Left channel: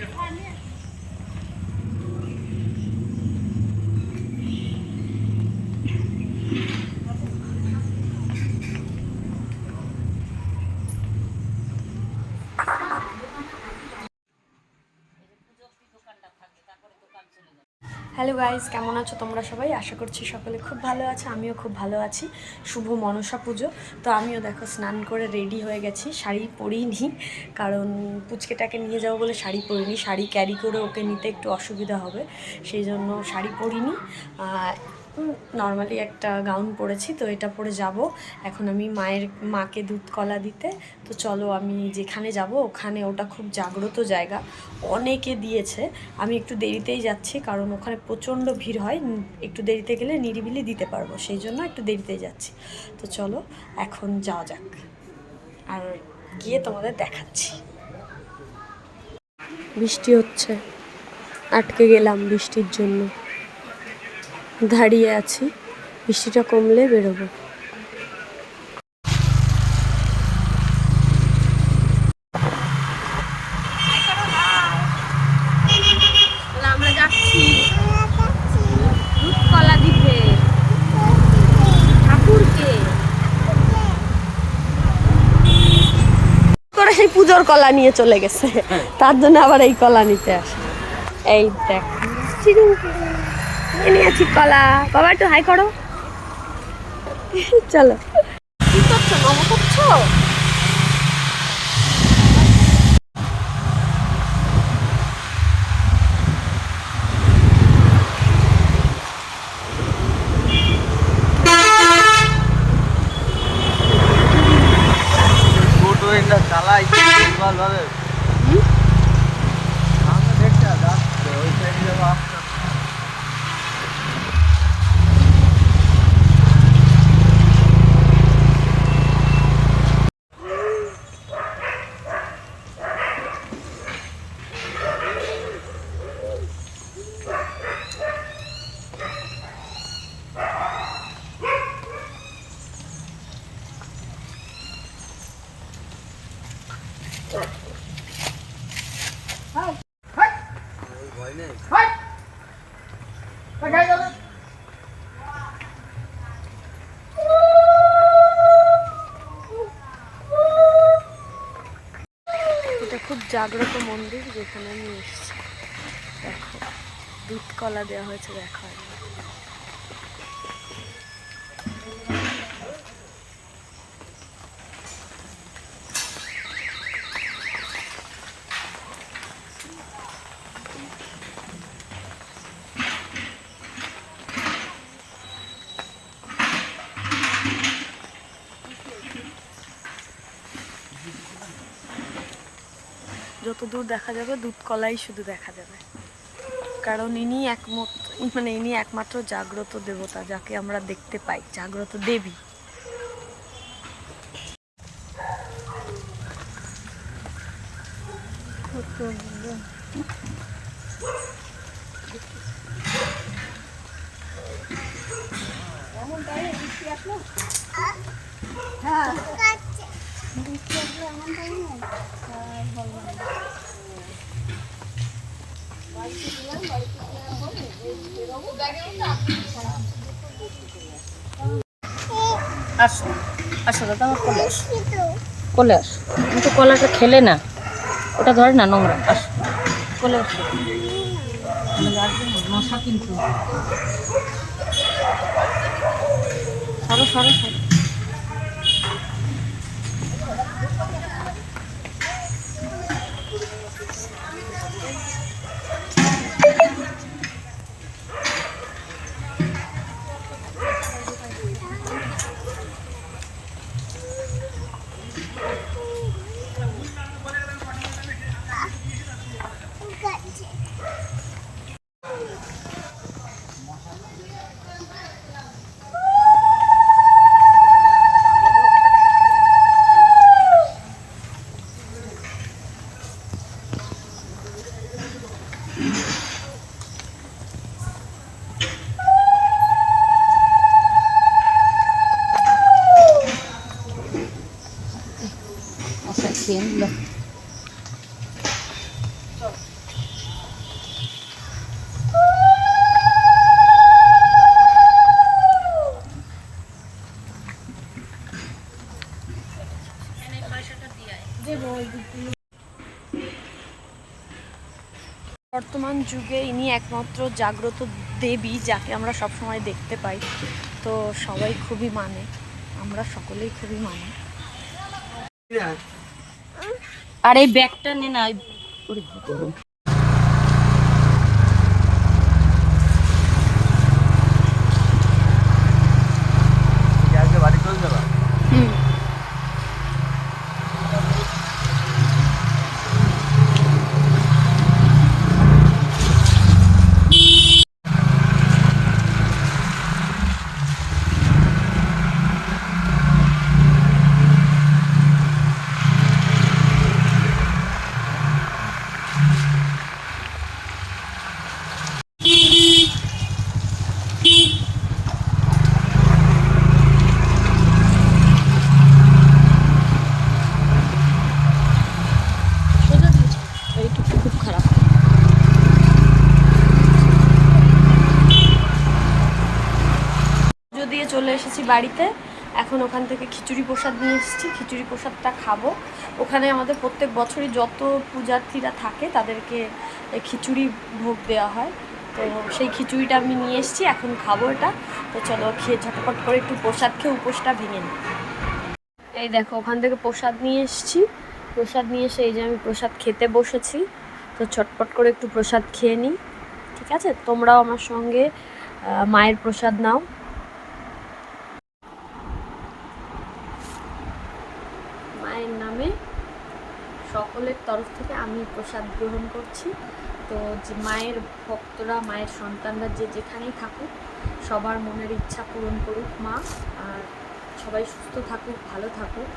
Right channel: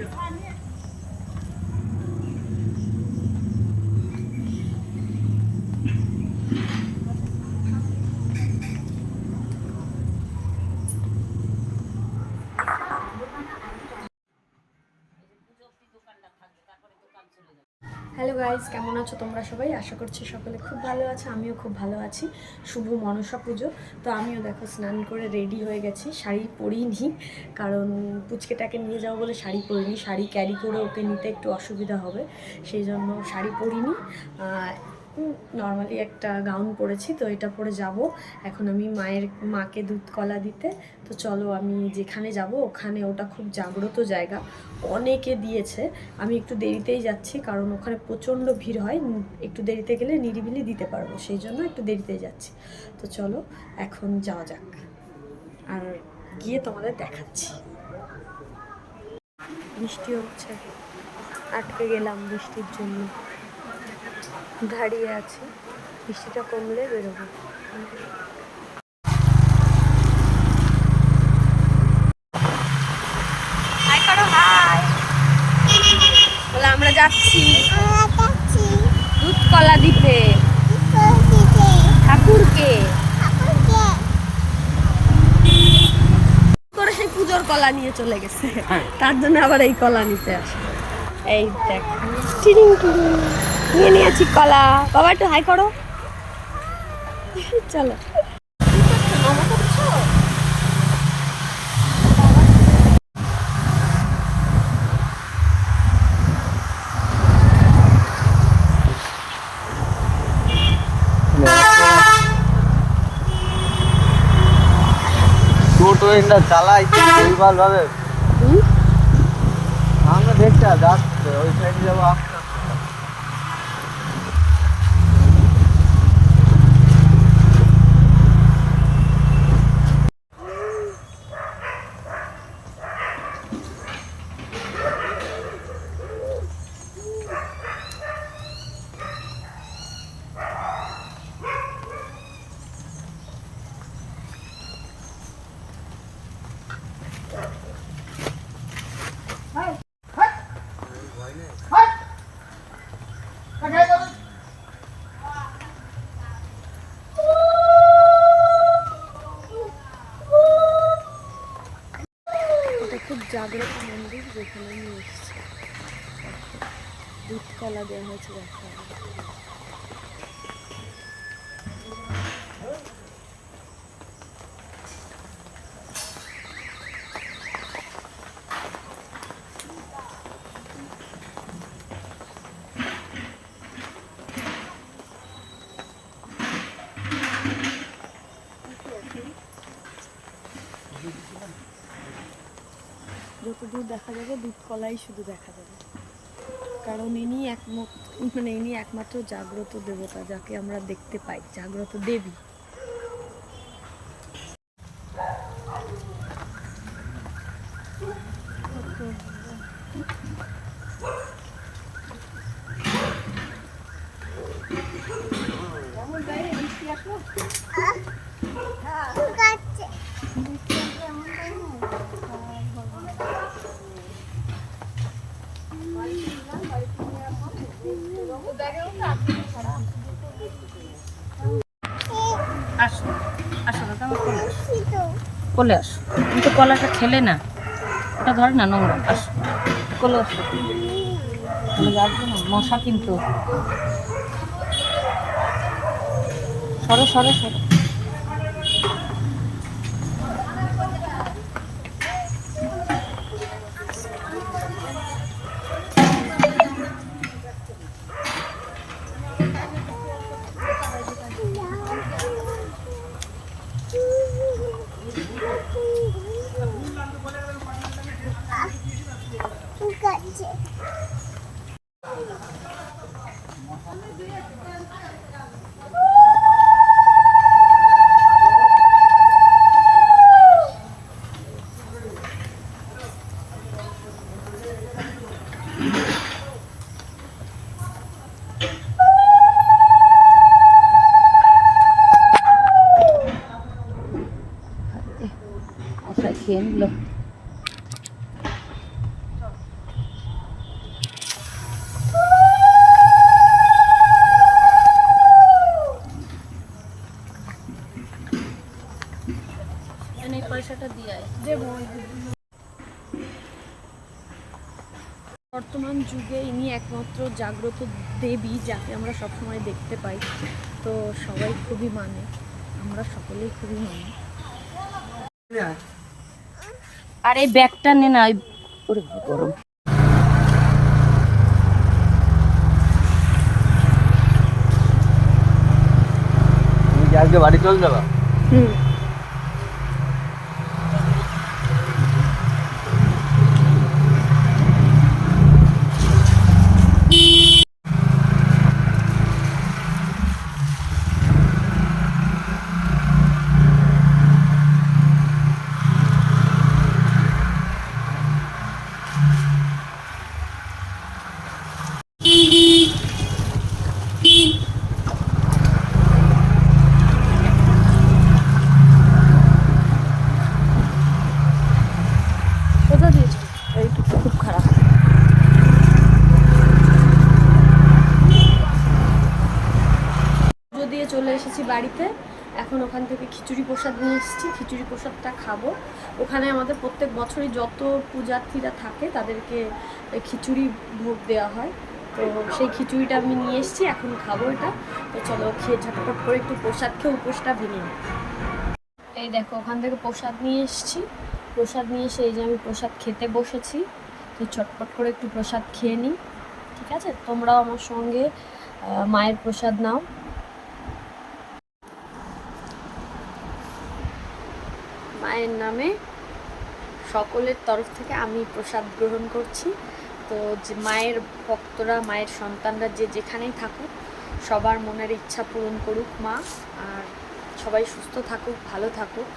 Yeah. Hello guys কেমন আছো তোমরা সবাই? আশা করছি সকলে খুব ভালো আছে, আমিও খুব ভালো আছি। শুভ মনসা পুজো। তো আমিও দেখো স্নান করে রেডি হয়ে গেছি, শাড়ি পরিনি, কারণ পুচকেটাকে নিয়ে যাব বলে শাড়ি পরিনি, শাড়ি ক্যারি করে ওকে নিতে একটু অসুবিধা হবে, সেই জন্য শাড়ি পরিনি। নর্মালি একটা গাউন পরেছি, তো এটা পরে যাব। এখন আমি মায়ের, মাকে দুধ কলা দিতে, তো চলো আমি যেখানে যাব, ওখানে ওটা খুব জাগ্রত জায়গা। অনেকে দিয়েছে, আমি একটু দেরিতেই যাচ্ছি, কারণ ওখানে প্রচণ্ড ভিড় হয় একটু দেরিতে গেলে নিরিবিলি দিতে পারব, সেই জন্য একটু দেরিতেই যাচ্ছি। তো চলো, এখন যাওয়া যাক। আর গিয়ে তোমাদের দেখাচ্ছি। বৃষ্টি হচ্ছে, আটকে গেলাম বৃষ্টির জন্য। দাঁড়িয়ে আছি। বৃষ্টিটা কমলে বেরোবো। বলে আমরা যাচ্ছি। দুধ কলা দিতে ঠাকুরকে। করে সেই পুজোর কলা নিয়ে চলে গেছে। তার জন্য আবার এই কলা নিতে আসে। এই দেখ। টিরিং টিরিং। নিয়ে নিয়েছি কলা। বাবা একটু হাই করো। চলো। কি করছ নমো করছ চালাই ভাবে এটা খুব জাগ্রত মন্দির যেখানে আমি এসেছি দেখো দুধ কলা দেওয়া হয়েছে দেখা একবার। যত দূর দেখা যাবে, দুধ কলাই শুধু দেখা যাবে। কারণ ইনি একমত মানে ইনি একমাত্র জাগ্রত দেবতা যাকে আমরা দেখতে পাই, জাগ্রত দেবী। আসো আসো দাদা কোলে আসো। কোলে আসো। তুমি কলাটা খেলে না ওটা ধরে না নোংরা। আসো। কোলে আসো। আসবে না মশা কিন্তু। সরো সরো সরো। เอาใส่เสียงเลย বর্তমান যুগে ইনি একমাত্র জাগ্রত দেবী যাকে আমরা সবসময় দেখতে পাই। তো সবাই খুবই মানে। আমরা সকলেই খুবই মানি। আর এই ব্যাগটা নে না ওই ওরে গরম। বাড়ি চলে যাবা? হুম সোজা দিয়েছে এইটুকু খুব খারাপ পুজো দিয়ে চলে এসেছি বাড়িতে। এখন ওখান থেকে খিচুড়ি প্রসাদ নিয়ে এসেছি। খিচুড়ি প্রসাদটা খাব। ওখানে আমাদের প্রত্যেক বছরই যত পূজার্থীরা থাকে, তাদেরকে খিচুড়ি ভোগ দেওয়া হয়। তো সেই খিচুড়িটা আমি নিয়ে এসেছি, এখন খাব এটা। তো চলো খেয়ে ঝটপট করে একটু প্রসাদ খেয়ে উপোসটা ভেঙে নিই। এই দেখো, ওখান থেকে প্রসাদ নিয়ে এসেছি। প্রসাদ নিয়ে এসে এই যে আমি প্রসাদ খেতে বসেছি। তো ছটপট করে একটু প্রসাদ খেয়ে নিই। ঠিক আছে? তোমরাও আমার সঙ্গে মায়ের প্রসাদ নাও। মায়ের নামে। সকলের তরফ থেকে আমি প্রসাদ গ্রহণ করছি। তো যে মায়ের ভক্তরা, মায়ের সন্তানরা যে যেখানেই থাকুক, সবার মনের ইচ্ছা পূরণ করুক মা, আর সবাই সুস্থ থাকুক, ভালো থাকুক,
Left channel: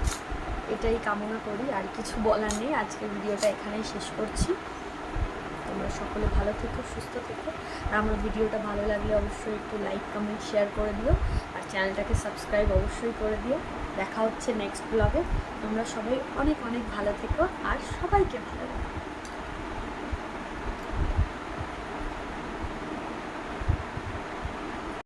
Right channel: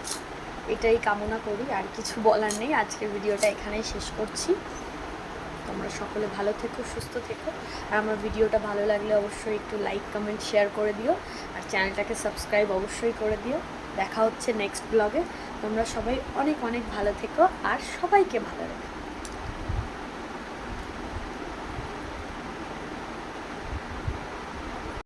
এটাই কামনা করি। আর কিছু বলার নেই, আজকের ভিডিওটা এখানেই শেষ করছি। তোমরা সকলে ভালো থেকো, সুস্থ থেকো। আর আমার ভিডিওটা ভালো লাগলে অবশ্যই একটু লাইক কমেন্ট শেয়ার করে দিও। আর চ্যানেলটাকে সাবস্ক্রাইব অবশ্যই করে দিও। দেখা হচ্ছে নেক্সট ব্লগে তোমরা সবাই অনেক অনেক ভালো থেকো আর সবাইকে ভালো রেখো।